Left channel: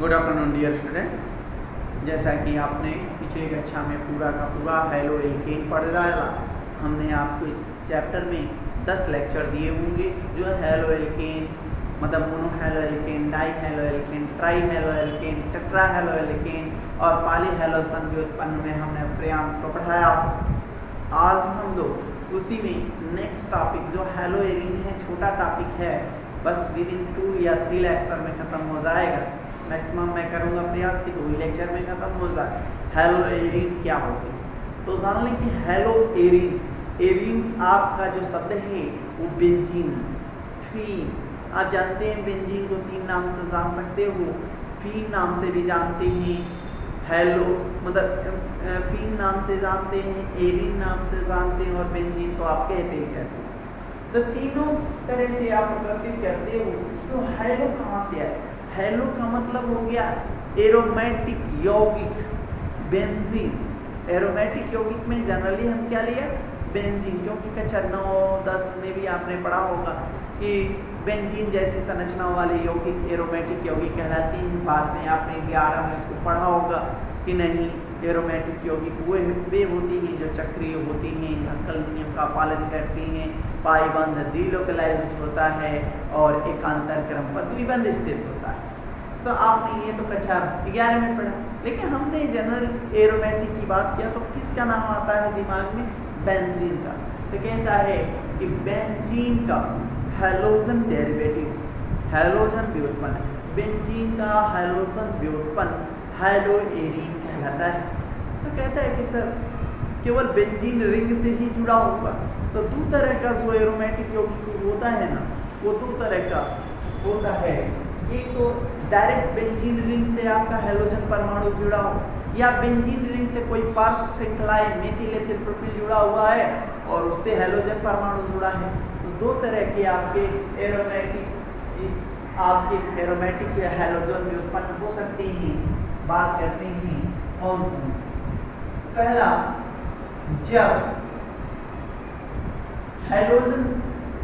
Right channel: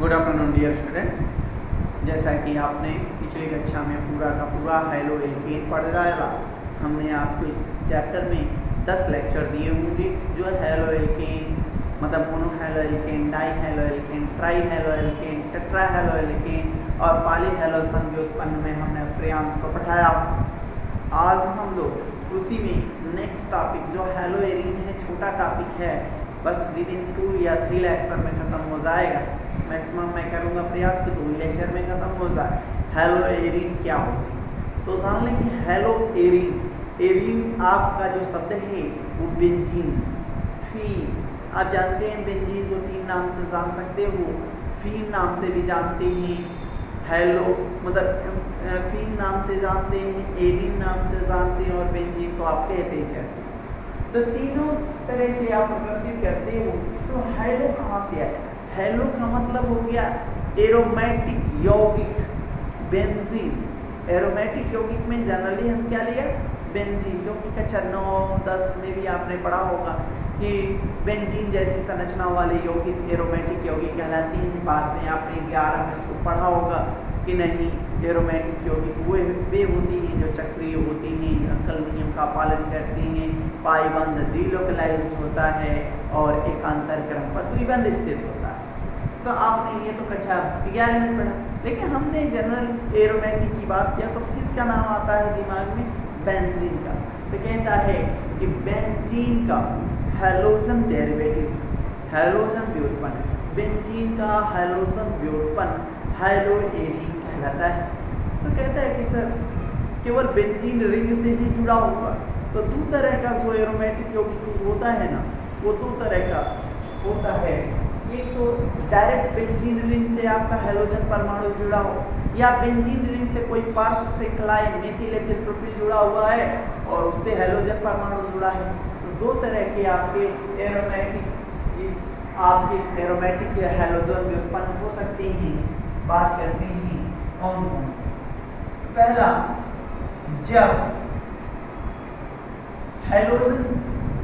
Good afternoon dear student. जैसा कि आपने पिछली कक्षा में पूरा का पूरा हैलो एल्केन पढ़ डाला, हमने आपको इस चैप्टर में 10 लेक्चर दिए होंगे जो हैलो एल्केन मतलब mono haloalkane, di haloalkane, tri haloalkane, tetra haloalkane और पॉली हैलोजन व्युत्पन्न में हमने फ्रेयांस को पढ़ाया। आज हम लोग उसी में नेक्स्ट टॉपिक जो हैलो एरीन है, छोटा टॉपिक है, बस विद इन 2 या 3 लेक्चर में ख़त्म हो जाएगा। मैक्सिमम मैं करूँगा प्रयास कि 2 ही लेक्चर में ख़त्म हो जाए। हैलो एरीन क्या होते हैं तो जान लें कि हैलो एरीन, एरीन आपका जो शब्द है वो बेंजीन, फीन, आप जानते हैं बेंजीन को 3 नाम से जान सकते हो। फीन नाम से भी जानते हैं, हैलो मतलब फीन नाम से जानते हैं, एरीन नाम से जानते हैं और बेंजीन तो आप कहते ही कहते हैं। तो तीनों तरह से आप प्रदर्शित करते हो। तो हैलो कहाँ से है? हैलो का मतलब हो गया एरोमेटिक यौगिक बेंजीन। एरोमेटिक यौगिक में जनरली हम क्या लिया? बेंजीन, क्योंकि कक्षा 9-10 में भी आपने पढ़ा होगा कि बेंजीन जैसी संरचना वाले यौगिक एरोमेटिक यौगिक कहलाती हैं। बाद में आपने 11 में उसको पढ़ा होगा कि नहीं, एरोमेटिक यौगिक वे होती हैं जो चक्रीय होती हैं, हक्कल नियम का पालन करती हैं, पाईबंध डिलोकलाइज्ड होता है और एकांतर क्रम पर द्विबंध स्थित होता है। तो आपने ये तो कक्षा 11 में पढ़ा, लेकिन हमने जनरल एरोमेटिक की बात किया तो किसका नाम आता है दिमाग में? बेंजीन का। तो कहता है कि बेंजीन का हैलोजन डेरिवेटिव, हैलोजन व्युत्पन्न, बेंजीन का हैलोजन व्युत्पन्न हैलो एरीन कहलाता है। तो कहता है कि सर केवल बेंजीन रिंग से ही जुड़ा होगा। तो 2 तरह का जो एरोमेटिक यौगिक होता है ना, वो 2 तरह का होता है। एक तो डायरेक्ट बेंजीन रिंग से आपका हैलोजन परमाणु जुड़ा हो, या बेंजीन रिंग से कोई पार्श्व श्रृंखलाएं मेथिल एथिल प्रोपिल जुड़ा हुआ है और उससे हैलोजन परमाणु जुड़ा है। तो 2 तरह के आपके एरोमेटिक हैलोजन व्युत्पन्न हो सकते हैं। बात करते हैं कौन कौन से। पहला, जब हैलोजन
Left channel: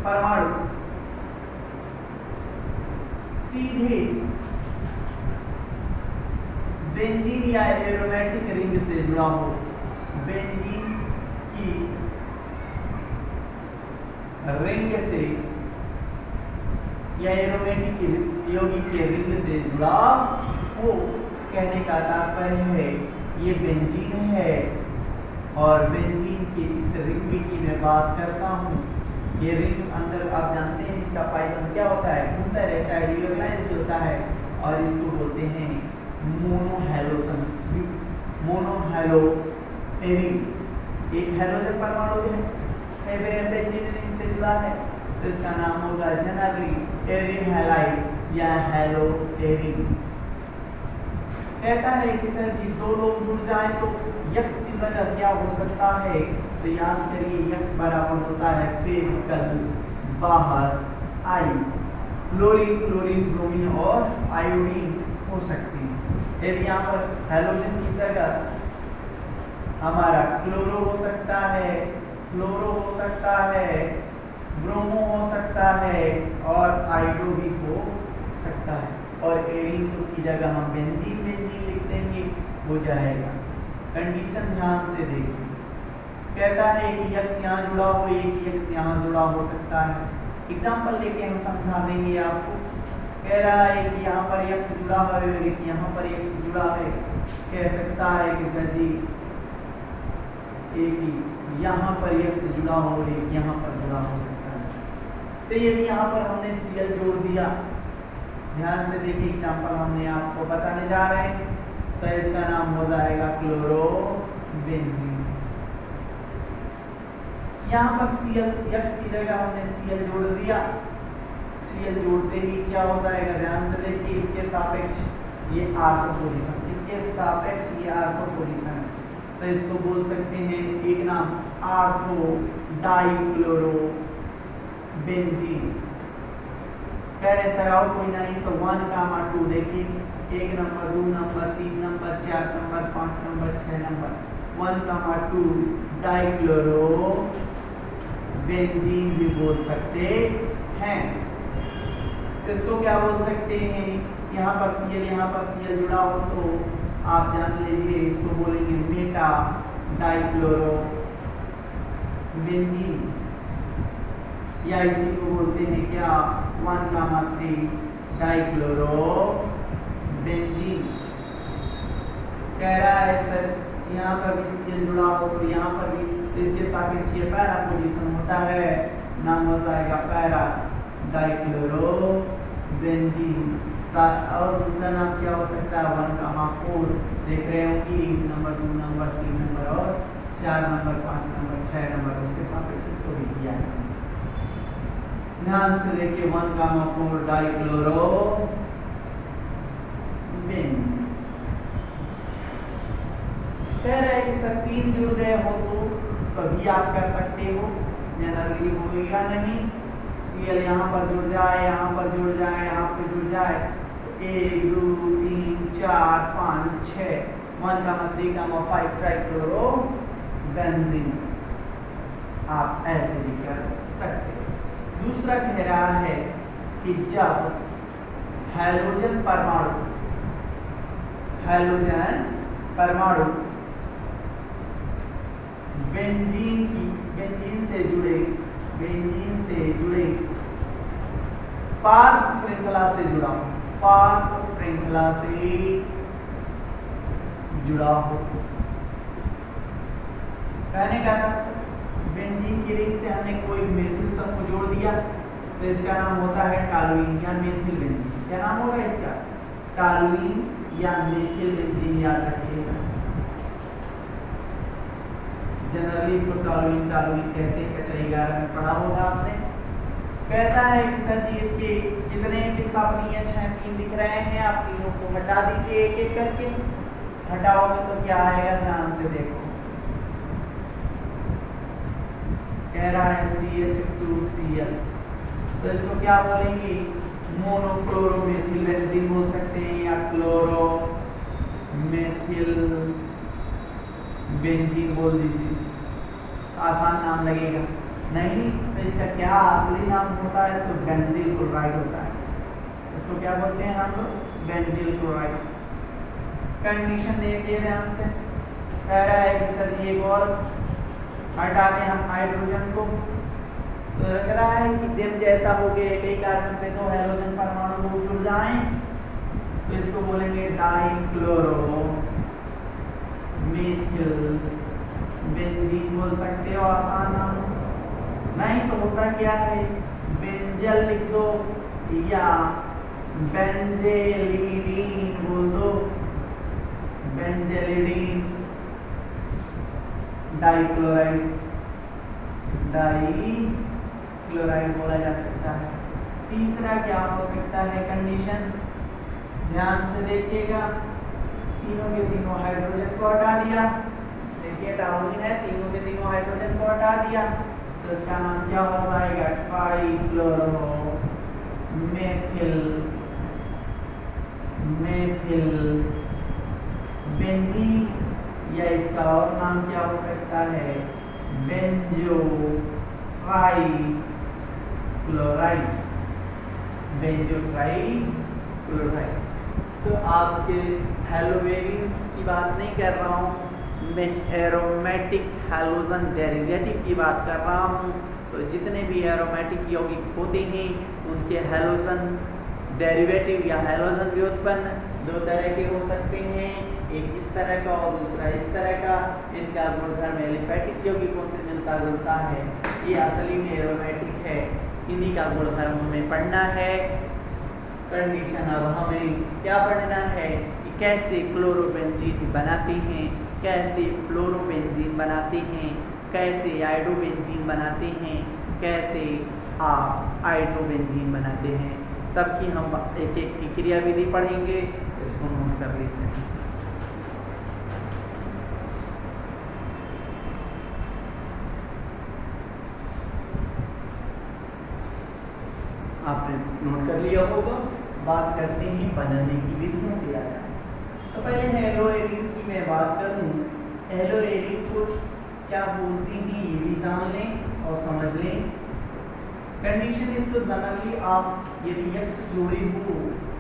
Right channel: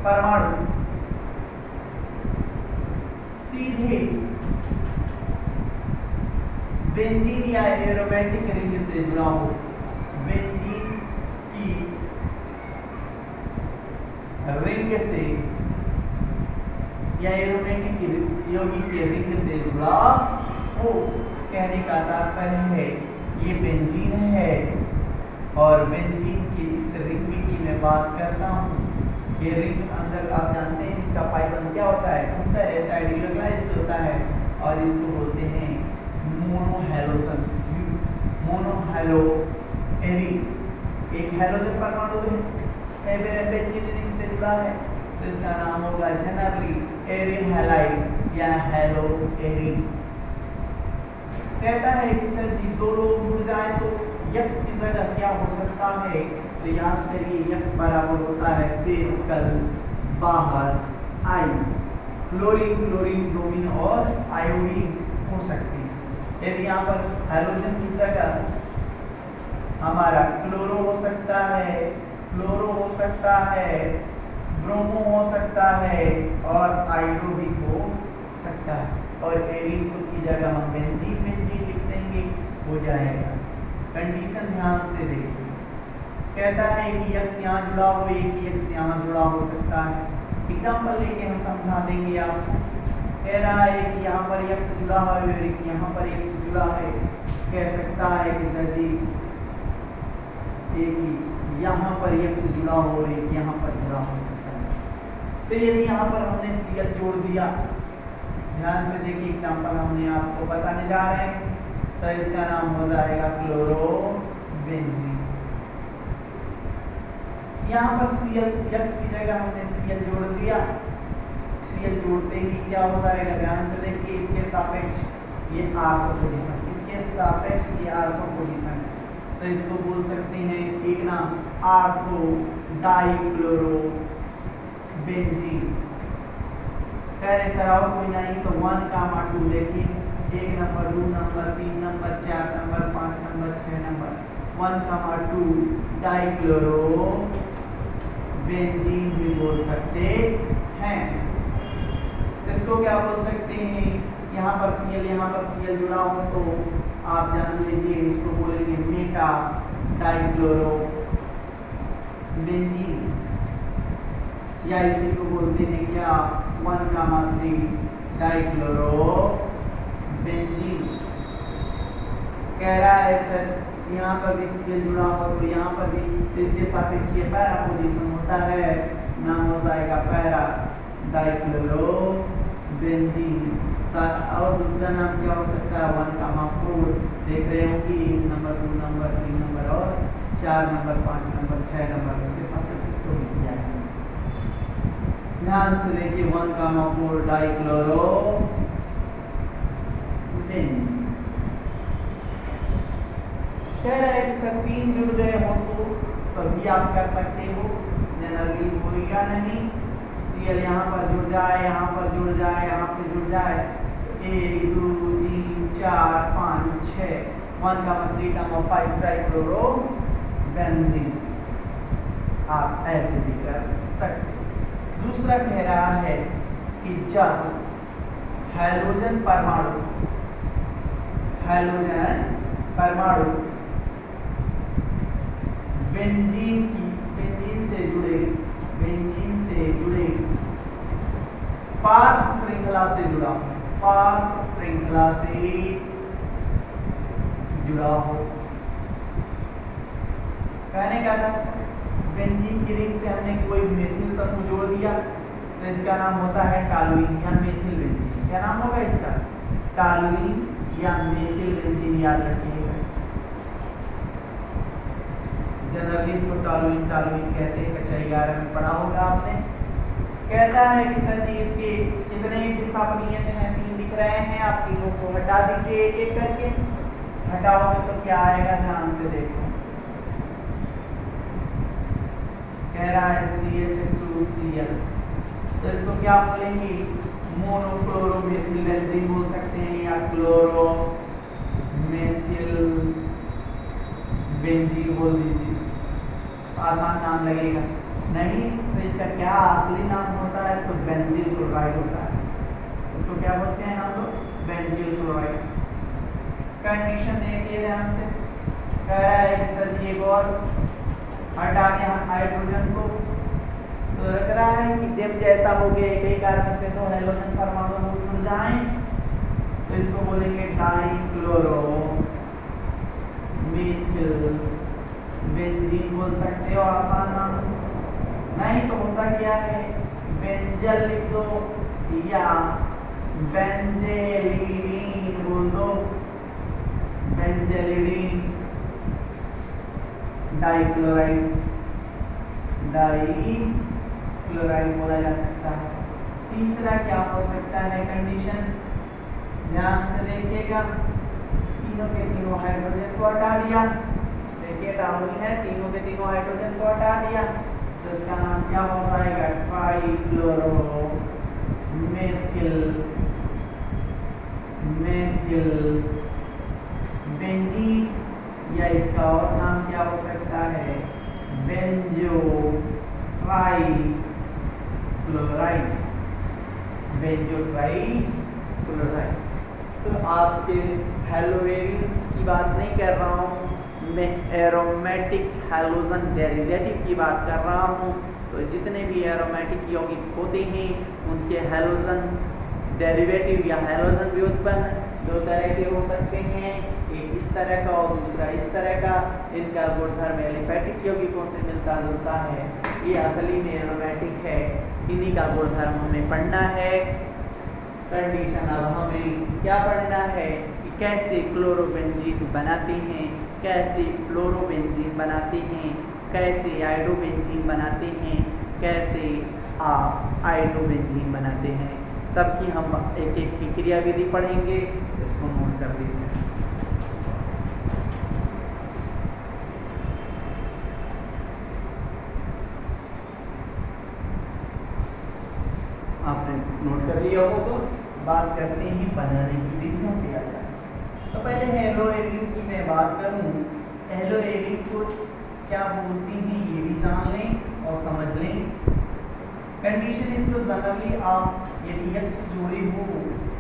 परमाणु सीधे बेंजीन या एरोमेटिक रिंग से जुड़ा हो, बेंजीन की रिंग से या एरोमेटिक यौगिक के रिंग से जुड़ा हो, कहने का तात्पर्य है ये बेंजीन है और बेंजीन की इस रिंग की मैं बात करता हूँ। ये रिंग अंदर आप जानते हैं इसका पाइबंध क्या होता है? घूमता रहता है, डिलोकलाइज्ड होता है और इसको बोलते हैं मोनोहैलोजन, मोनोहैलो एरीन। एक हैलोजन परमाणु है बेंजीन रिंग से जुड़ा है, तो इसका नाम होगा जनरली एरीन हैलाइड या हैलो एरीन। कहता है कि सर जी 2 लोग जुड़ जाए तो यक्स की जगह क्या हो सकता है? तो याद करिए यक्स बराबर होता है फिर कल बाहर आई, फ्लोरीन, क्लोरीन, ब्रोमीन और आयोडीन हो सकते हैं। यदि यहाँ पर हैलोजन की जगह हमारा क्लोरो हो सकता है, फ्लोरो हो सकता है, ब्रोमो हो सकता है और आयोडो भी हो सकता है। और एरीन की जगह हम बेंजीन लिख देंगे, हो जाएगा। कंडीशन ध्यान से देखिए, कहता है कि यक्स यहाँ जुड़ा हो, एक यक्स यहाँ जुड़ा हो सकता है। एग्जाम्पल लेके हम समझा देंगे आपको। कह रहा है कि यहाँ पर यक्स जुड़ा है और एक यहाँ पर यक्स जुड़ा है। कह सकता है कि सर जी एक यहाँ पर यक्स जुड़ा हो और एक यहाँ पर जुड़ा हो सकता है। तो यदि यहाँ पर हमने Cl जोड़ दिया, ध्यान से देखिए एग्जाम्पल हमने आपको बताने जा रहे हैं, तो इसका नाम हो जाएगा क्लोरोबेंजीन। यहाँ पर Cl, यक्स की जगह हमने Cl जोड़ दिया। Cl जोड़ते ही क्या हो जाएगा? ध्यान से देखिए, इसके सापेक्ष ये आर्थो पोजीशन, इसके सापेक्ष ये आर्थो पोजीशन, तो इसको बोल सकते हैं एक नाम आर्थो डाइक्लोरो बेंजीन। कह रहे सर और कोई नहीं, तो 1, 2 देखिए, 1 number, 2 number, 3 number, 4 number, 5 number, 6 number, 1, 2 dichloro benzene भी बोल सकते हैं। इसको क्या बोल सकते हैं, यहाँ पर Cl जुड़ा हो तो आप जान लीजिए इसको बोलेंगे मेटा डाइक्लोरो बेंजीन, या इसी को बोलते हैं क्या 1,3 डाइक्लोरो बेंजीन। कह रहा है सर यहाँ पर भी Cl जुड़ा हो तो यहाँ पर भी इसके सापेक्ष पैरा पोजीशन होता है, नाम हो जाएगा पैरा डाइक्लोरो बेंजीन। और दूसरा नाम क्या हो सकता है 1,4, देख रहे हो कि 1 नंबर 2 नंबर 3 नंबर और 4 नंबर 5 नंबर 6 नंबर उसके सापेक्ष इसको भी किया है। ध्यान से देखिए 1,4 डाइक्लोरो बेंजीन। कह रहा है कि सर 3 जुड़ गए हो तो तभी आप कर सकते हो, जनरली होगा नहीं। Cl यहाँ पर जुड़ जाए, यहाँ पर जुड़ जाए, यहाँ पर जुड़ जाए, 1 2 3 4 5 6 1,3,5 ट्राइक्लोरो बेंजीन आप ऐसे भी कर सकते हैं। दूसरा कह रहा है कि जब हैलोजन परमाणु बेंजीन से जुड़े पार्श्व श्रृंखला से जुड़ा हो। कहने का था बेंजीन के रिंग से हमने कोई मेथिल समूह जोड़ दिया तो इसका नाम होता है टॉलुइन या मेथिल बेंजीन। क्या नाम होगा इसका, टॉलुइन या मेथिल बेंजीन, याद रखिएगा। जनरली इसको टॉलुइन कहते हैं, कक्षा 11 में पढ़ा होगा आपने। कहता है कि सर जी इसके कितने विस्थापनीय 3 दिख रहे हैं, आप तीनों को हटा दीजिए एक एक करके। हटाओगे तो क्या आएगा, ध्यान से देखो। कह रहा है CH2Cl, तो इसको क्या बोलेंगे, मोनोक्लोरोमेथिल बेंजीन बोल सकते हैं या क्लोरो मेथिल बेंजीन बोल दीजिए, आसान नाम लगेगा। नहीं तो इसका क्या असली नाम होता है, तो बेंजील क्लोराइड होता है। इसको क्या बोलते हैं हम लोग, बेंजील क्लोराइड। कंडीशन देखिए ध्यान से, कह रहा है कि सर जी एक और हटा दें हम हाइड्रोजन को, तो लग रहा है कि जिम जैसा हो गया, एक ही कार्बन पे 2 हैलोजन परमाणु जुड़ जाएं, तो इसको बोलेंगे डाइक्लोरो मेथिल बेंजीन बोल सकते हो, आसान नाम। नहीं तो होता क्या है, बेंजल लिख दो या बेंजेलिडीन बोल दो, बेंजेलिडीन डाइक्लोराइड बोला जा सकता है। तीसरा क्या हो सकता है कंडीशन, ध्यान से देखिएगा, तीनों के तीनों हाइड्रोजन को हटा दिया, देखिए टॉलुइन है, तीनों के तीनों हाइड्रोजन को हटा दिया, तो इसका नाम क्या हो जाएगा, ट्राइक्लोरो मेथिल बेंजीन, या इसका और नाम क्या हो सकता है, बेंजो ट्राइक्लोराइड। तो आपके हेलोवेरिन्स की बात नहीं कर रहा हूँ मैं, एरोमेटिक हैलोजन डेरिवेटिव की बात कर रहा हूँ। तो जितने भी एरोमेटिक यौगिक होते हैं उनके हैलोजन डेरिवेटिव या हैलोजन व्युत्पन्न 2 तरह के हो सकते हैं, एक इस तरह का और दूसरा इस तरह का। इनका गुणधर्म एलिफेटिक यौगिकों से मिलता जुलता है, ये असली में एरोमेटिक है, इन्हीं का गुणधर्म हमें पढ़ना है। कंडीशन अब हमें क्या पढ़ना है कि कैसे क्लोरोबेंजीन बनाते हैं, कैसे फ्लोरोबेंजीन बनाते हैं, कैसे आयोडोबेंजीन बनाते हैं, कैसे आप आयोडोबेंजीन बनाते हैं। सबकी हम एक एक की क्रियाविधि पढ़ेंगे, इसको नोट कर लीजिए। आपने नोट कर लिया हो तो बात करते ही बनाने की विधियों की आ जाए। तो पहले हेलोएरिन की मैं बात करूं, हेलोएरिन को क्या बोलती हैं ये भी जान लें और समझ लें। कंडीशन इसको जनरली आप यदि X जोड़ी हो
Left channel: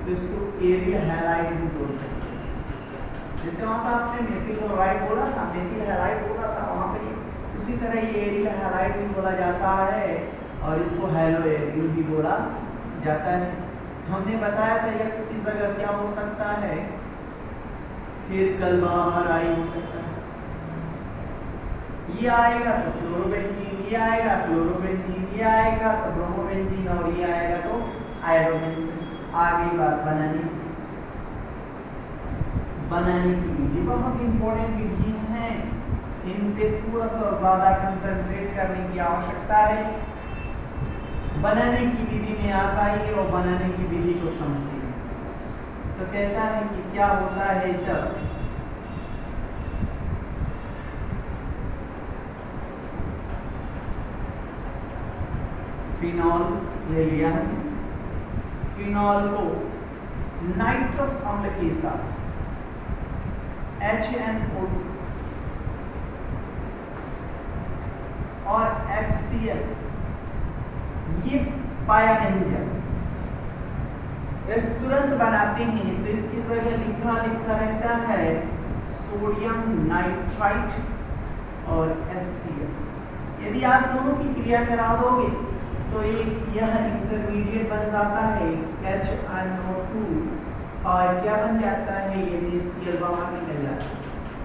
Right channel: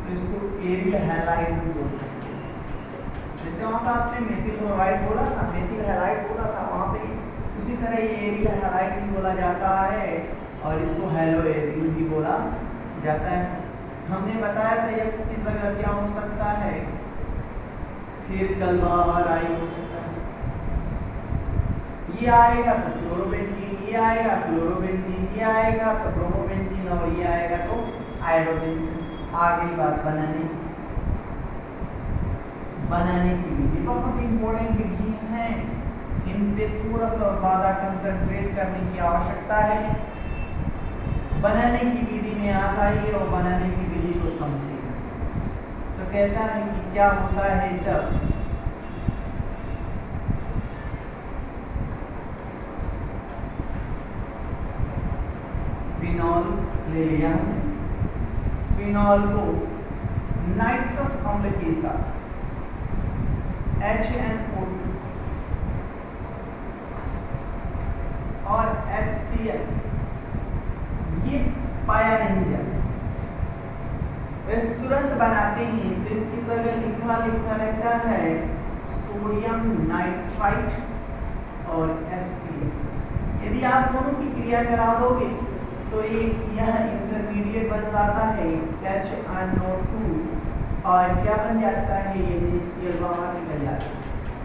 तो इसको एरिल हैलाइड भी बोल सकते हैं। जैसे वहाँ पे आपने मेथिल क्लोराइड बोला था, मेथिल हैलाइड बोला था, वहाँ पे उसी तरह ये एरिल हैलाइड भी बोला जाता है और इसको हैलो एरिल भी बोला जाता है। हमने बताया था X की जगह क्या हो सकता है, फिर कल बाहर आई हो सकता है, ये आएगा तो फ्लोरोबेंजीन, ये आएगा क्लोरोबेंजीन, ये आएगा तो ब्रोमोबेंजीन और ये आएगा तो आयोडोबेंजीन। आगे बात बनाने की विधि बहुत इंपॉर्टेंट विधि है, इन पे थोड़ा सा ज्यादा कंसंट्रेट करने की आवश्यकता है। बनाने की विधि में आसाई और बनाने की विधि को समझिए। तो कहता है कि क्या होता है सब, फिनॉल ले लिया, फिनॉल को नाइट्रस अम्ल के साथ HNO2 और HCl ये पाया नहीं जाता, इस तुरंत बनाते हैं तो इसकी जगह लिखा रहता है सोडियम नाइट्राइट और HCl। यदि आप दोनों की क्रिया करा दोगे तो एक यह इंटरमीडिएट बन जाता है HNO2 और क्या बन जाता है, ये HCl बाहर निकल जाता है।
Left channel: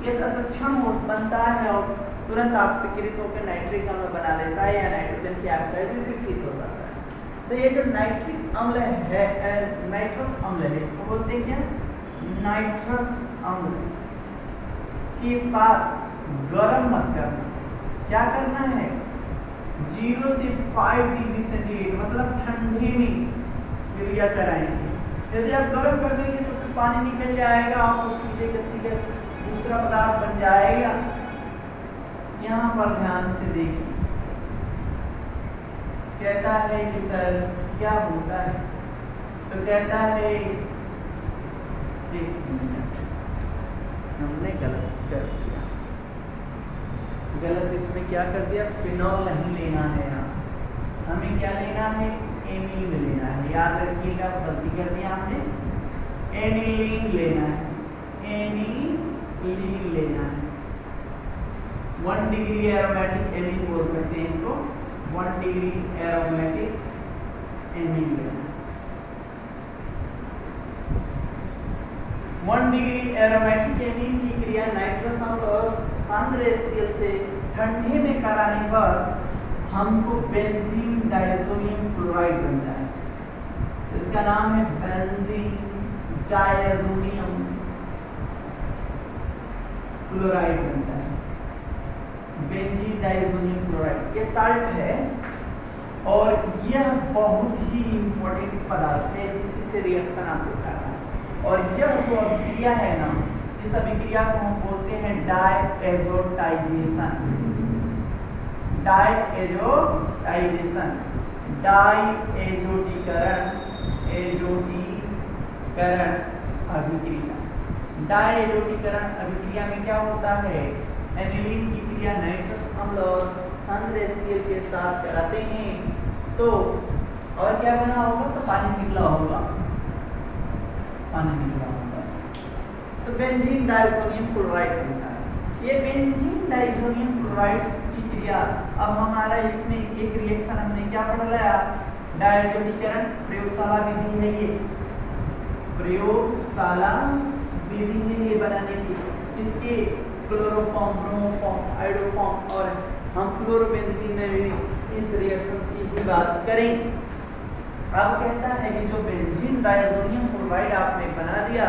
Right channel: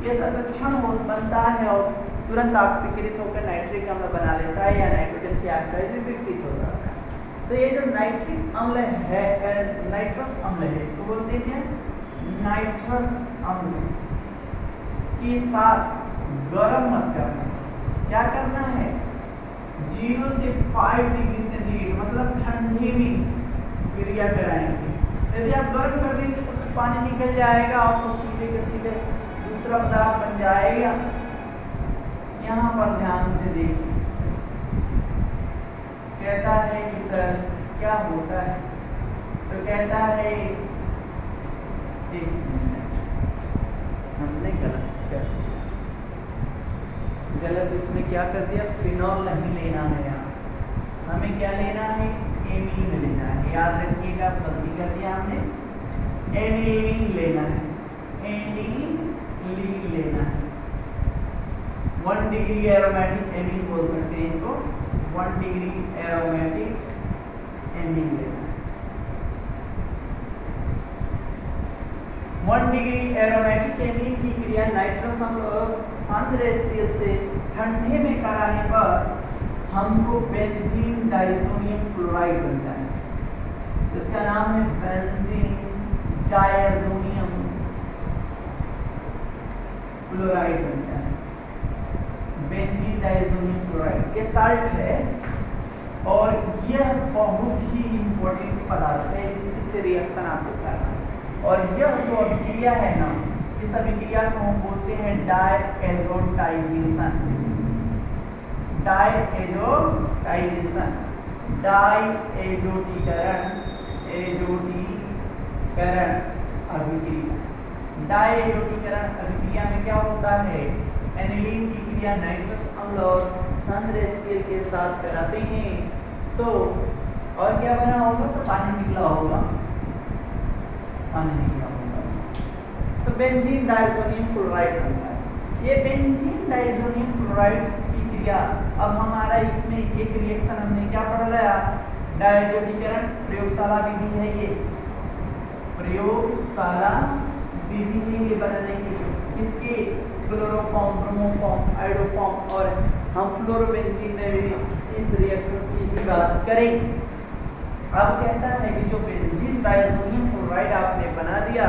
ये तत्क्षण बनता है और तुरंत ऑक्सीकृत होकर नाइट्रिक अम्ल बना लेता है या नाइट्रोजन की ऑक्साइड में विकसित हो जाता है। तो ये जो नाइट्रिक अम्ल है, नाइट्रस अम्ल है, इसको बोलते हैं नाइट्रस अम्ल के साथ गर्म मत करना। क्या करना है, 0 से 5 डिग्री सेंटीग्रेड मतलब ठंडे में क्रिया कराएंगे। यदि आप गर्म कर देंगे तो पानी निकल जाएगा और सीधे दूसरा पदार्थ बन जाएगा। यहाँ पर ध्यान से देखिए, कहता है कि सर क्या होता है, तो कहता है एक मिनट, हमने गलत कर दिया, गलत इसमें क्या कर दिया, फिनॉल नहीं लेना है, यहाँ हमें क्या लेना है, एनिलीन लेना है। याद रखिएगा, गलती कर दिया हमने, एनिलीन लेना है, एनिलीन लेना है। 1 डिग्री एरोमेटिक एमीन बोल सकते हैं इसको, 1 डिग्री एरोमेटिक एमीन लेना। 1 डिग्री एरोमेटिक एमीन की क्रिया नाइट्रस अम्ल और सांद्र HCl से ठंडे में कराने पर हमको बेंजीन डाइज़ोनियम क्लोराइड बनता है। इसका नाम है बेंजीन डाइज़ोनियम क्लोराइड बनता है, बेंजीन डाइज़ोनियम क्लोराइड। ये साल्ट है और यह बहुत ही इंपॉर्टेंट पदार्थ है जिससे रिएक्शन आपको करना है। और यह जो अभिक्रिया है ना, इस अभिक्रिया को हम बोलते हैं डायएज़ोटाइजेशन। डायएज़ोटाइजेशन, डायएज़ोटीकरण अभिक्रिया। डायएज़ोटीकरण अभिक्रिया में क्या होता है, एनिलीन की क्रिया नाइट्रस अम्ल और सांद्र HCl के साथ कराते हैं तो और क्या बना होगा, तो पानी निकला होगा, तो बेंजीन डाइज़ोनियम क्लोराइड बनता है। ये बेंजीन डाइज़ोनियम क्लोराइड की क्रिया, अब हमारा इसमें एक रिएक्शन हमने क्या पढ़ लिया, डायएज़ोटीकरण प्रयोगशाला विधि है, ये प्रयोगशाला विधि है ये बनाने की। इसके क्लोरोफॉर्म, ब्रोमोफॉर्म, आयोडोफॉर्म और हम फ्लोरोबेंजीन में भी इस रिएक्शन की ही बात करेंगे। अब कहता है कि जो बेंजीन डाइज़ोनियम क्लोराइड आपने बना दिया,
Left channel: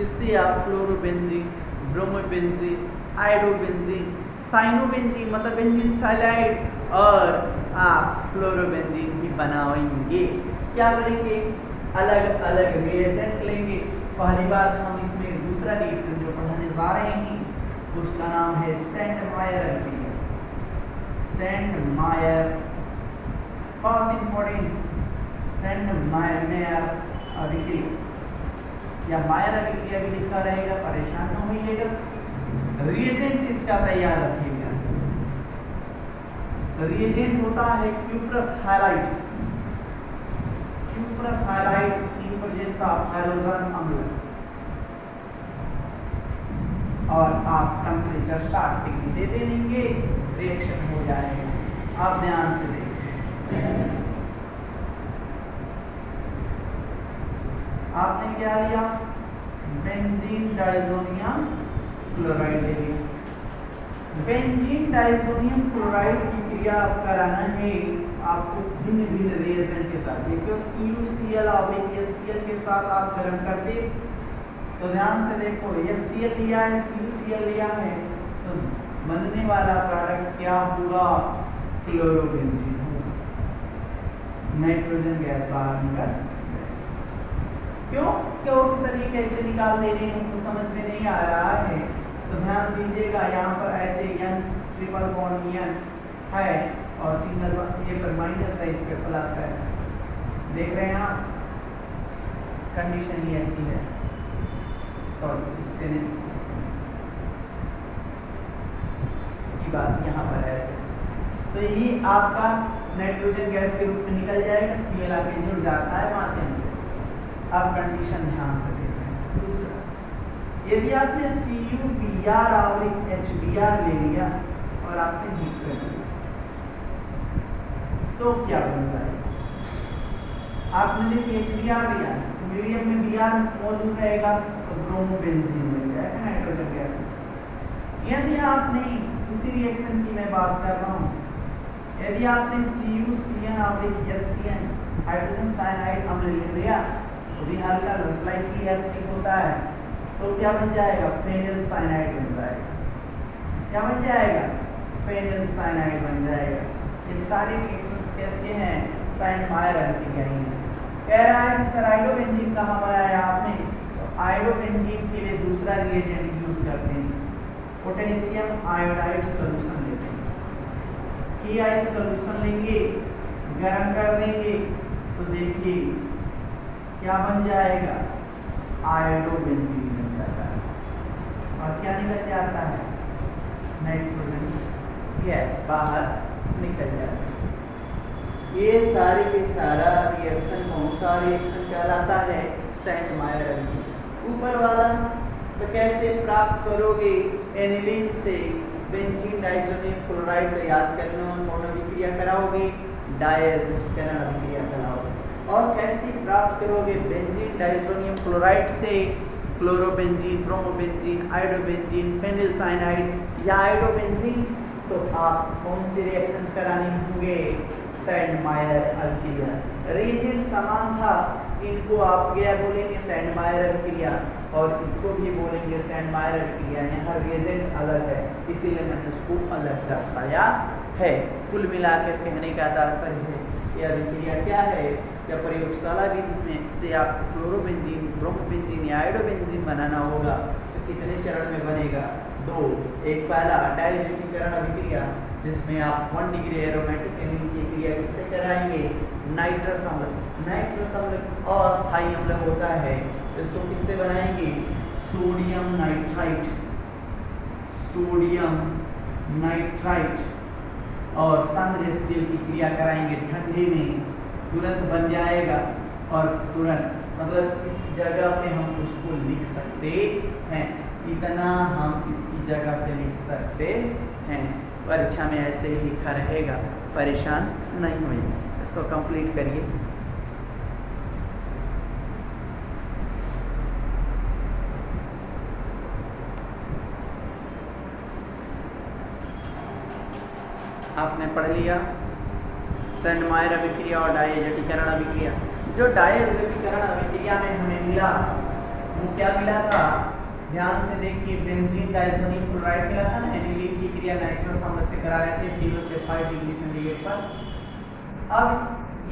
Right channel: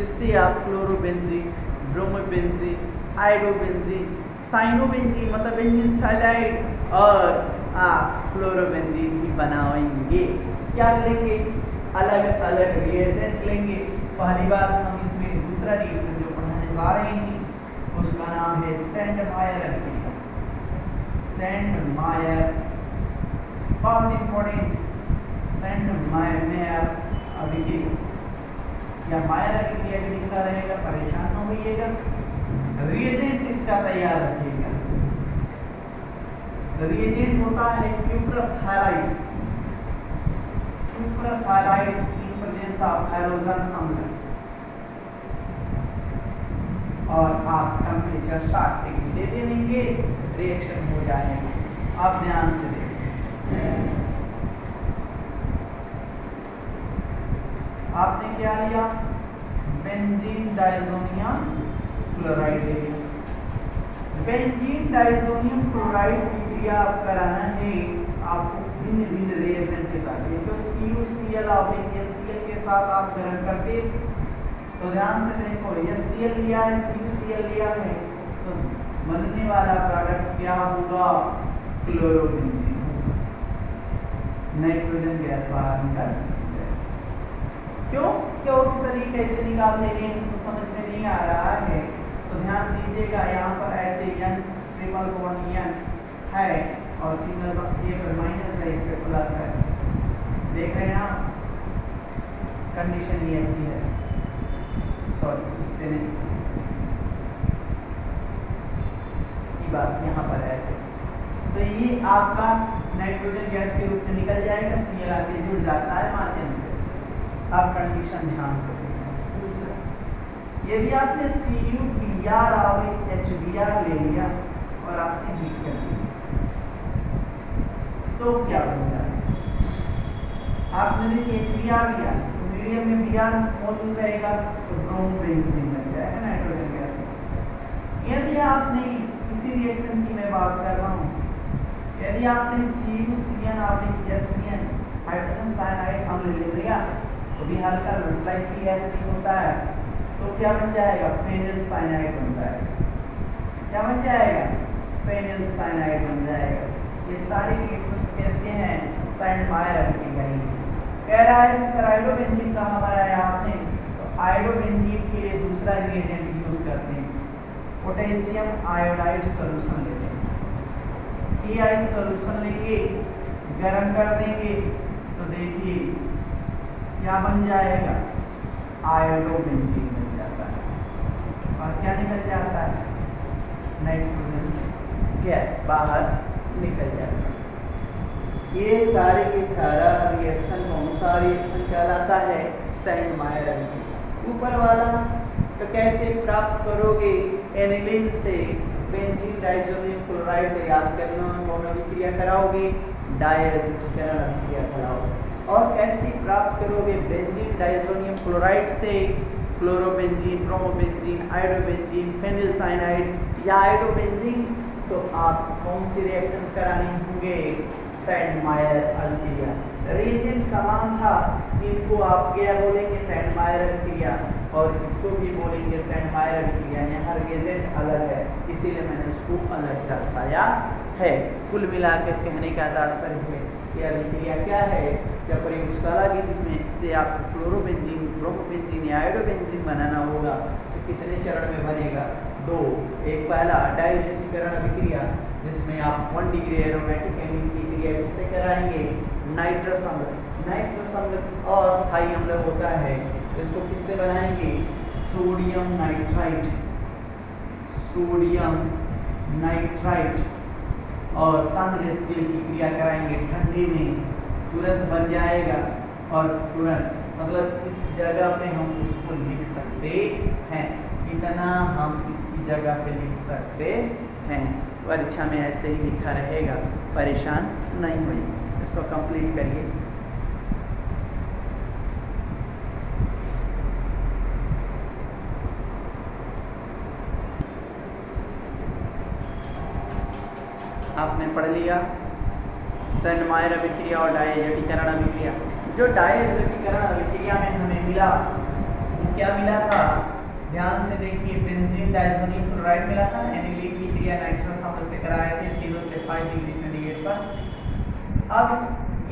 इससे आप फ्लोरोबेंजीन, ब्रोमोबेंजीन, आयोडोबेंजीन, साइनोबेंजीन मतलब बेंजीन साइलाइड और आप फ्लोरोबेंजीन भी बनाएंगे। क्या करेंगे, अलग अलग रिएजेंट लेंगे। पहली बात हम इसमें दूसरा रिएक्शन जो पढ़ाने जा रहे हैं उसका नाम है सेंडमायर अभिक्रिया। सेंडमायर बहुत इंपॉर्टेंट, सेंडमायर अभिक्रिया या मायर अभिक्रिया भी लिखा रहेगा, परेशान न होइएगा। रिएजेंट इसका तैयार रखिएगा। रिएजेंट होता है cuprous halide. Cuprous highlight in presence of halogen अम्ल, और आप टेम्परेचर स्टार्टिंग में दे देंगे, रिएक्शन हो जाएगा। आप ध्यान से देखिए, आपने क्या लिया, बेंजीन डाइज़ोनियम क्लोराइड ले लिया। बेंजीन डाइज़ोनियम क्लोराइड की क्रिया आप कराना है आपको भिन्न भिन्न रिएजेंट के साथ। देखो CuCl और HCl के साथ आप गर्म करते, तो ध्यान से देखो, HCl लिया है, CuCl लिया है, तो बनने वाला प्रोडक्ट क्या होगा, क्लोरोबेंजीन होगा। नाइट्रोजन गैस बाहर निकल, क्यों सभी कैसे निकाल दे रहे हैं हमको समझ में नहीं आ रहा है। तो ध्यान दीजिएगा, यहाँ पर ऐसे N ट्रिपल बॉन्ड N है और सिंगल बॉन्ड A पर माइनस है, इस पे प्लस है, देख रहे हैं आप, कंडीशन ये ऐसी है, सॉरी इस पे नहीं, ये बात यहाँ पर ऐसे, तो ये आपका नाइट्रोजन गैस के रूप में निकल जाएगा, Cl आके जुड़ जाता है माध्यम से। अब कंडीशन ध्यान से देखें। दूसरा, यदि आपने CuBr और HBr ले लिया और आपने हीट कर दिया, तो क्या बन जाएगा, आपने देखिए HBr लिया तो मीडियम में Br मौजूद रहेगा, तो ब्रोमोबेंजीन बन जाएगा नाइट्रोजन गैस में। यदि आपने इसी रिएक्शन की मैं बात कर रहा हूँ, यदि आपने CuCN और HCN हाइड्रोजन साइनाइड अम्ल ले लिया, तो भी हल्का स्लाइटली एसिडिक होता है, तो क्या बन जाएगा, फेनिल साइनाइड बन जाएगा। क्या बन जाएगा, फेनिल साइनाइड बन जाएगा। ये सारे रिएक्शंस कैसे हैं, सैंडमायर अभिक्रिया कह रहा है कि सर आयोडोबेंजीन कहाँ बनाया आपने, तो आयोडोबेंजीन के लिए दूसरा रिएजेंट यूज करते हैं, पोटेशियम आयोडाइड सॉल्यूशन लेते हैं। TiO सॉल्यूशन लेंगे, गर्म कर देंगे, तो देखिए क्या बन जाएगा, आयोडोबेंजीन बन जाता है, और क्या निकल जाता है, नाइट्रोजन गैस बाहर निकल जाता है। ये सारे के सारा रिएक्शन कौन सा रिएक्शन कहलाता है, सैंडमायर अभिक्रिया। ऊपर वाला तो कैसे प्राप्त करोगे, एनिलीन से बेंजीन डाइज़ोनियम क्लोराइड को याद करना, कौन अभिक्रिया कराओगे, डायज़ोनीकरण अभिक्रिया कराओगे। और कैसे प्राप्त करोगे, बेंजीन डाइज़ोनियम क्लोराइड से chlorobenzene, bromobenzene, iodobenzene, phenyl cyanide या आयोडोबेंजीन, तो आप कौन सी रिएक्शंस कराने होंगे, सैंडमायर अभिक्रिया। रिएजेंट समान था, इनको आप क्या बोलेंगे, सैंडमायर अभिक्रिया, और इसको भी बोलेंगे सैंडमायर अभिक्रिया। यहाँ रिएजेंट अलग है, इसीलिए मैंने इसको अलग दर्शाया है। कुल मिलाकर कहने का तात्पर्य है कि अभिक्रिया क्या है, जब प्रयोगशाला विधि में से आपको क्लोरोबेंजीन, ब्रोमोबेंजीन या आयोडोबेंजीन बनाना होगा, तो कितने चरण में बनेगा, 2। एक पहला डायज़ोनीकरण अभिक्रिया, जिसमें आप 1 डिग्री एरोमेटिक एनिल की क्रिया किससे कराएंगे, नाइट्रस अम्ल। नाइट्रस अम्ल अस्थायी अम्ल होता है, इसको किससे बनाएंगे, सोडियम नाइट्राइट, सोडियम नाइट्राइट, और संग्रहशील की क्रिया कराएंगे ठंडे में, तुरंत बन जाएगा, और तुरंत मतलब इस जगह पे हम उसको लिख सकते हैं, इतना हम इसकी जगह पे लिख सकते हैं। परीक्षा में ऐसे ही लिखा रहेगा, परेशान नहीं होइए। इसको कंप्लीट करिए। आपने पढ़ लिया सैंडमायर अभिक्रिया और डायज़ोनीकरण अभिक्रिया। जो डायज़ोनीकरण अभिक्रिया में हमें मिला वो क्या मिला था, ध्यान से देखिए, बेंजीन डाइज़ोनियम क्लोराइड मिला था ना, एनिलीन की क्रिया नाइट्रस अम्ल से कराए थे 0 से 5 डिग्री सेंटीग्रेड पर। अब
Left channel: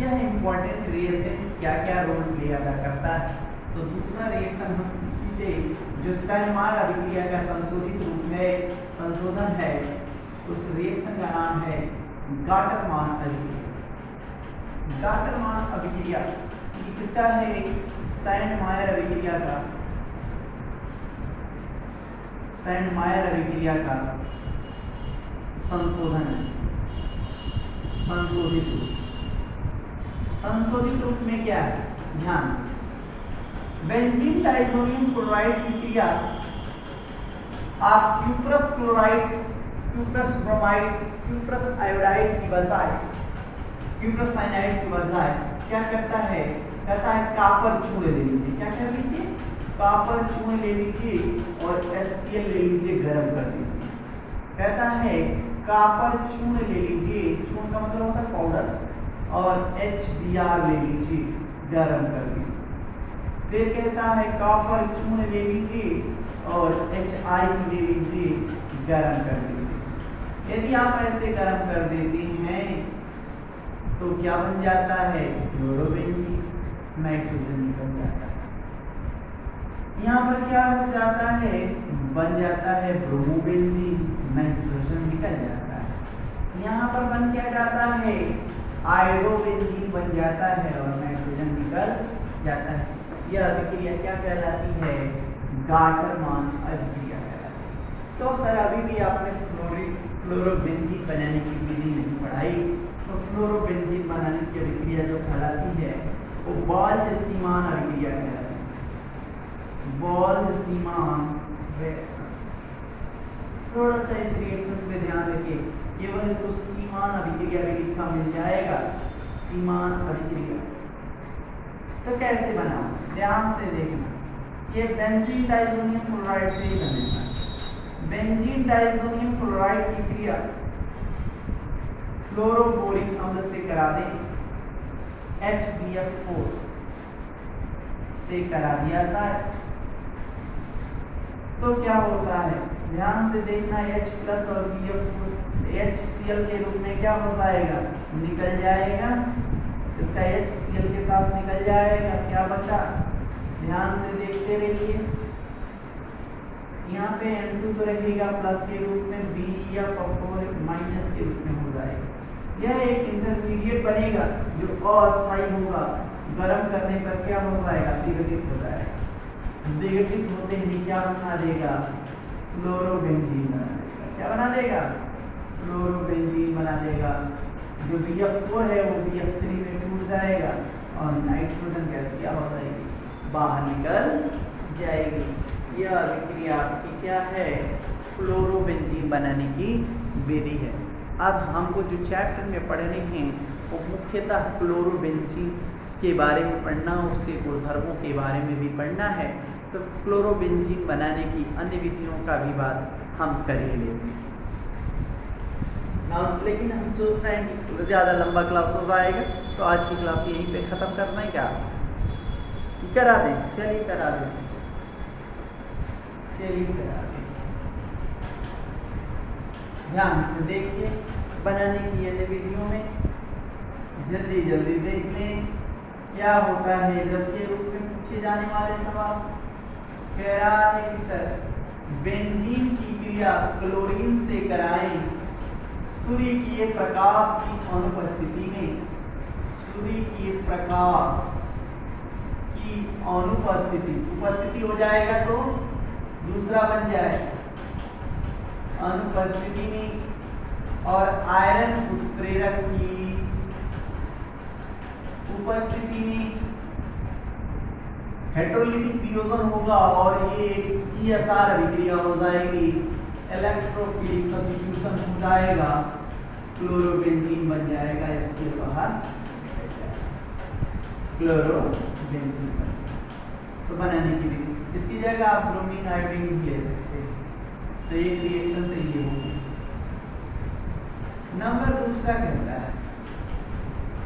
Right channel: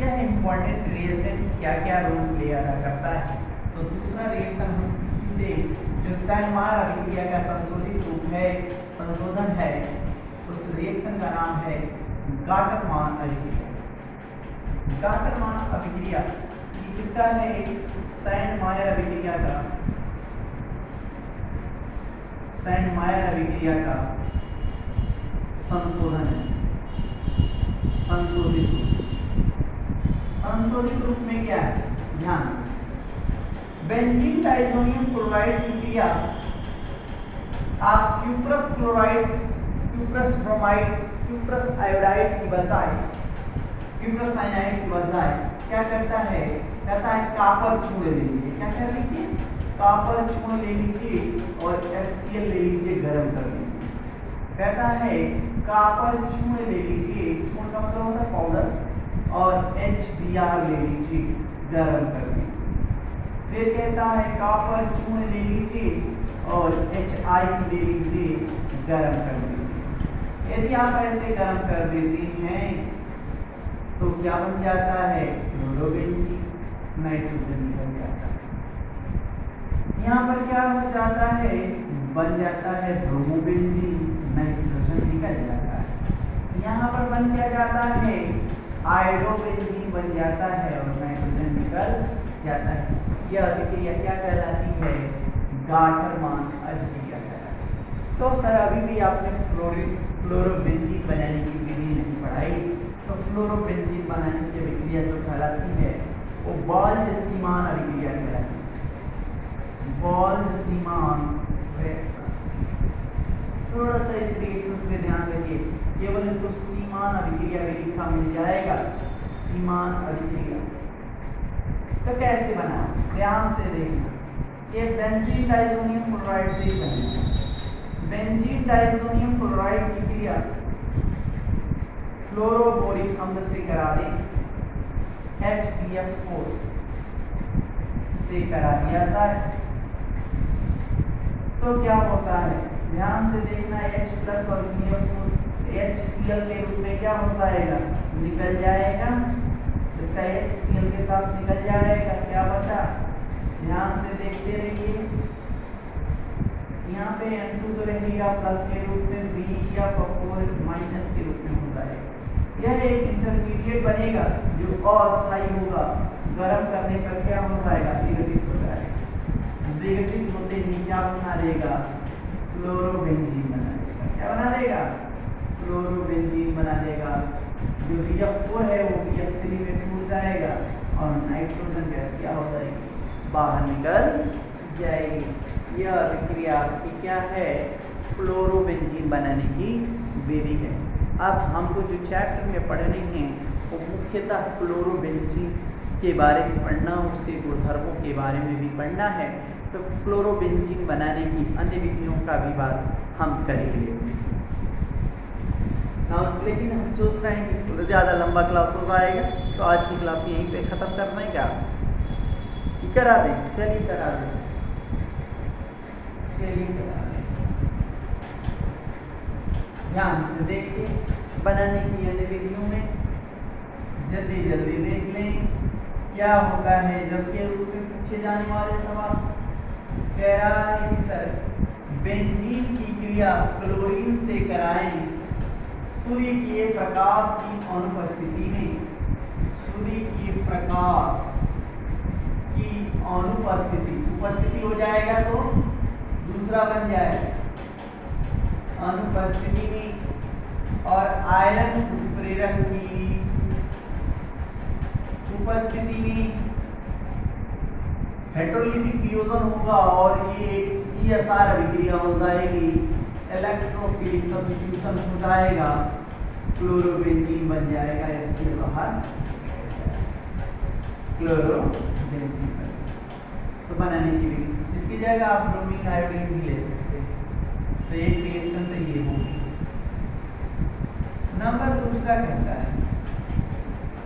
यह इंपॉर्टेंट रिएक्शन क्या क्या रोल प्ले अदा करता है, तो दूसरा रिएक्शन हम इसी से, जो सैंडमायर अभिक्रिया का संशोधित रूप है, संशोधन है, उस रिएक्शन का नाम है गाटरमान अभिक्रिया। गाटरमान अभिक्रिया किसका है, सैंडमायर अभिक्रिया का, सैंडमायर अभिक्रिया का संशोधन है, संशोधित संशोधित रूप में क्या है, ध्यान से, बेंजीन डाइसोनियम क्लोराइड की क्रिया आप cuprous chloride, cuprous bromide, cuprous iodide की बजाय, क्यूप्रस साइनाइड की बजाय क्या करता है, कहता है कॉपर चूर्ण ले लीजिए। क्या कर लीजिए, कॉपर चूर्ण ले लीजिए और HCl ले लीजिए, गर्म कर दीजिए। कहता है कॉपर चूर्ण ले लीजिए, चूर्ण का मतलब होता है पाउडर, और HBr ले लीजिए, गर्म कर दीजिए। फिर कहता है कॉपर चूर्ण ले लीजिए और HI ले लीजिए, गर्म कर दीजिए। यदि आप ऐसे गर्म कर देते हैं तो क्या बन जाता है, क्लोरोबेंजीन, नाइट्रोजन निकल जाता है। यहाँ पर क्या हो जाता है, बन जाता है ब्रोमोबेंजीन, नाइट्रोजन निकल जाता है। यहाँ पर बन क्या जाता है, आयोडोबेंजीन बन जाता है और नाइट्रोजन निकल जाता है। यह अभिक्रिया क्या कहलाती है, गाटरमान अभिक्रिया कहलाती है। तो सर अभी भी आपने फ्लोरोबेंजीन बनाने की विधि नहीं पढ़ाई, तो फ्लोरोबेंजीन बनाने की अभिक्रिया जो कहलाती है वो बोल्ट्जमान अभिक्रिया कहलाती है, बोल्ट्जमान रिएक्शन। थोड़ा सा इस रिएक्शन पे ध्यान रखिए, केवल इसको सीमान अभिक्रिया भी लिखा मिल जाएगा, सीमान अभिक्रिया। तो कैसे बना, ध्यान से देखना, ये बेंजीन डाइसोनियम क्लोराइड से ही बनेगा। बेंजीन डाइसोनियम क्लोराइड की क्रिया फ्लोरोबोरिक अम्ल से करा दें, HBF4 से करा दिया जाए तो क्या होता है, ध्यान से देखना, H+ और BF4 HCl के रूप में क्या हो जाएगा, निकल जाएगा। इसका HCl के साथ निकल जाएगा, क्या बचा, ध्यान से देखते रहिए। यहाँ पे N2 तो रहेगा प्लस के रूप में, BF4 माइनस के रूप में हो जाएगा। यह एक इंटरमीडिएट बनेगा जो अस्थायी होगा, गर्म करने पर क्या हो जाएगा, विघटित हो जाएगा। विघटित होते ही क्या बना देगा, फ्लोरोबेंजीन बना देगा। क्या बना देगा, फ्लोरोबेंजीन बना देगा। जो BF4 है वो BF3 में टूट जाएगा और नाइट्रोजन गैस क्या हो जाएगी, बाहर निकल जाएगी। यह अभिक्रिया आपकी क्या है, फ्लोरोबेंजीन बनाने की विधि है। अब हमको जो चैप्टर में पढ़ने हैं वो मुख्यतः क्लोरोबेंजीन के बारे में पढ़ना, उसके गुणधर्मों के बारे में भी पढ़ना है। तो क्लोरोबेंजीन बनाने की अन्य विधियों का भी बात हम कर ही लेते हैं। लेकिन हम सोच रहे हैं कि ज़्यादा लंबा क्लास हो जाएगा, तो आज की क्लास यहीं पे ख़त्म करना है क्या, कि करा दें, चलिए करा दें, चलिए करा दें। ध्यान से देखिए, बनाने की अन्य विधियों में जल्दी जल्दी देख लें क्या होता है। जब के रूप में पूछे जाने वाले सवाल कह रहा है कि सर बेंजीन की क्रिया क्लोरीन से कराएं सूर्यकीय प्रकाश की अनुपस्थिति में, सूर्यकीय प्रकाश की अनुपस्थिति, उपस्थिति हो जाएगा तो दूसरा बन जाएगा, अनुपस्थिति में, और आयरन उत्प्रेरक की उपस्थिति में हेटेरोलिटिक वियोजन होगा और ये ESR अभिक्रिया हो जाएगी, इलेक्ट्रोफिलिक सब्स्टिट्यूशन हो जाएगा, क्लोरोबेंजीन बन जाएगा, इससे बाहर क्लोरोबेंजीन तो बनाने की विधि। इसकी जगह आप ब्रोमीन आयोडीन भी ले सकते हैं। तो एक रिएक्शन तो ये होगी। नंबर दूसरा कहता है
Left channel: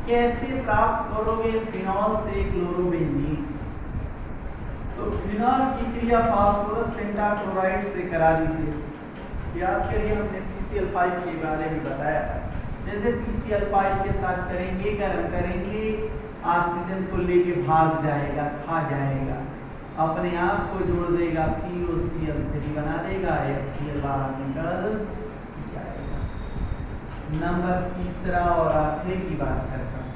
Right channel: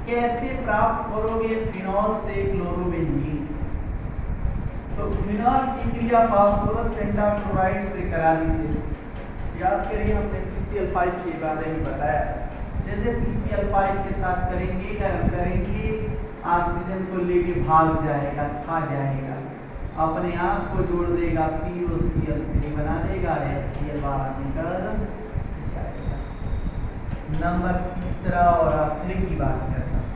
कैसे प्राप्त करोगे फिनॉल से क्लोरोबेंजीन। तो फिनॉल की क्रिया फास्फोरस पेंटाक्लोराइड से करा दीजिए। याद करिए हमने PCl5 के बारे में बताया, जैसे PCl5 के साथ करेंगे, गर्म करेंगे, ऑक्सीजन को लेके भाग जाएगा, खा जाएगा, अपने आप को जोड़ देगा, POCl3 बना देगा, HCl बाहर निकल जाएगा। नंबर तीसरा और आखिरी की बात करता हूँ,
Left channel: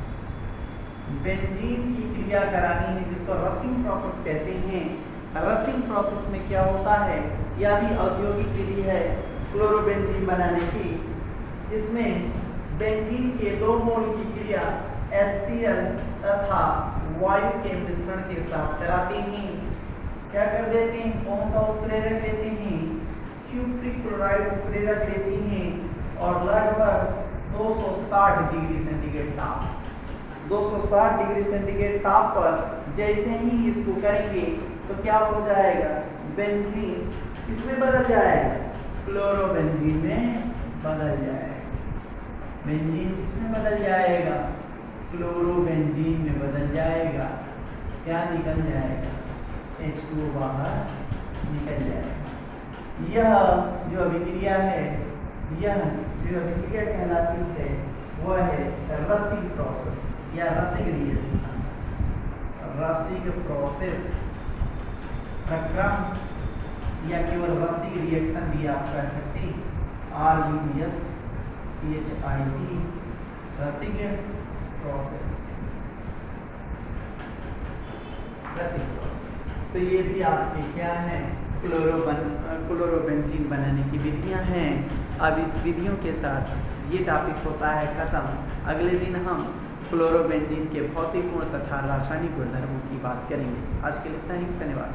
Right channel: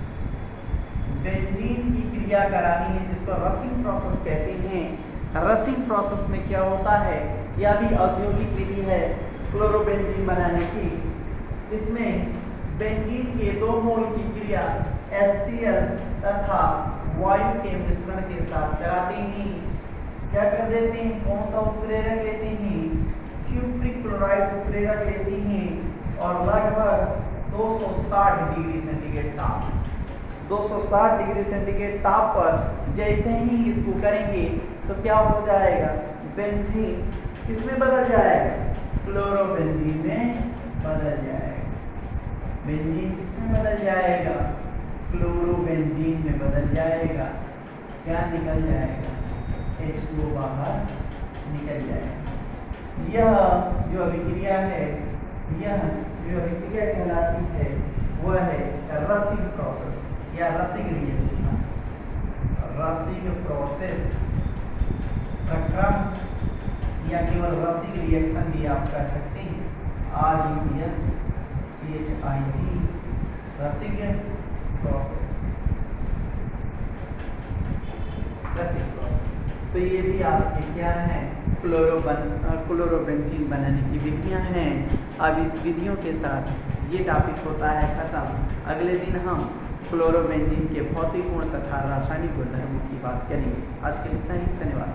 बेंजीन की क्रिया करानी है जिसको रसिंग प्रोसेस कहते हैं। रसिंग प्रोसेस में क्या होता है, यह भी औद्योगिक विधि है क्लोरोबेंजीन बनाने की। इसमें बेंजीन के 2 मोल की क्रिया HCl तथा वायु के मिश्रण के साथ कराते हैं। क्या कर देते हैं, कौन सा उत्प्रेरक लेते हैं, क्यूप्रिक क्लोराइड उत्प्रेरक लेते हैं और लगभग 260 डिग्री सेंटीग्रेड ताप 260 डिग्री सेंटीग्रेड ताप पर जैसे ही इसको करेंगे तो क्या हो जाएगा, बेंजीन किसमें बदल जाएगा, क्लोरोबेंजीन में बदल जाएगा। बेंजीन किसमें बदल जाएगा, क्लोरोबेंजीन में बदल जाएगा। क्या निकल जाएगा, H2O बाहर निकल जाएगा। यह जो अभिक्रिया है, यह जो अभिक्रिया कहलाती है वह है रसिक प्रोसेस या रसिक रिएक्शन। रसिक प्रोसेस का क्रम या केवल रसिक रिएक्शन भी आप कह सकते हैं, RESCHIG रसिक प्रोसेस, रसिक प्रोसेस। तो ये भी आपके क्या है, क्लोरोबेंजीन बनाने की विधियां हैं। अब इस विधियों के साथ ये टॉपिक होता है खत्म। अगले दिन हम क्लोरोबेंजीन के भौतिक गुण तथा रासायनिक गुणधर्मों की बात करेंगे। आज के लिए इतना ही, धन्यवाद।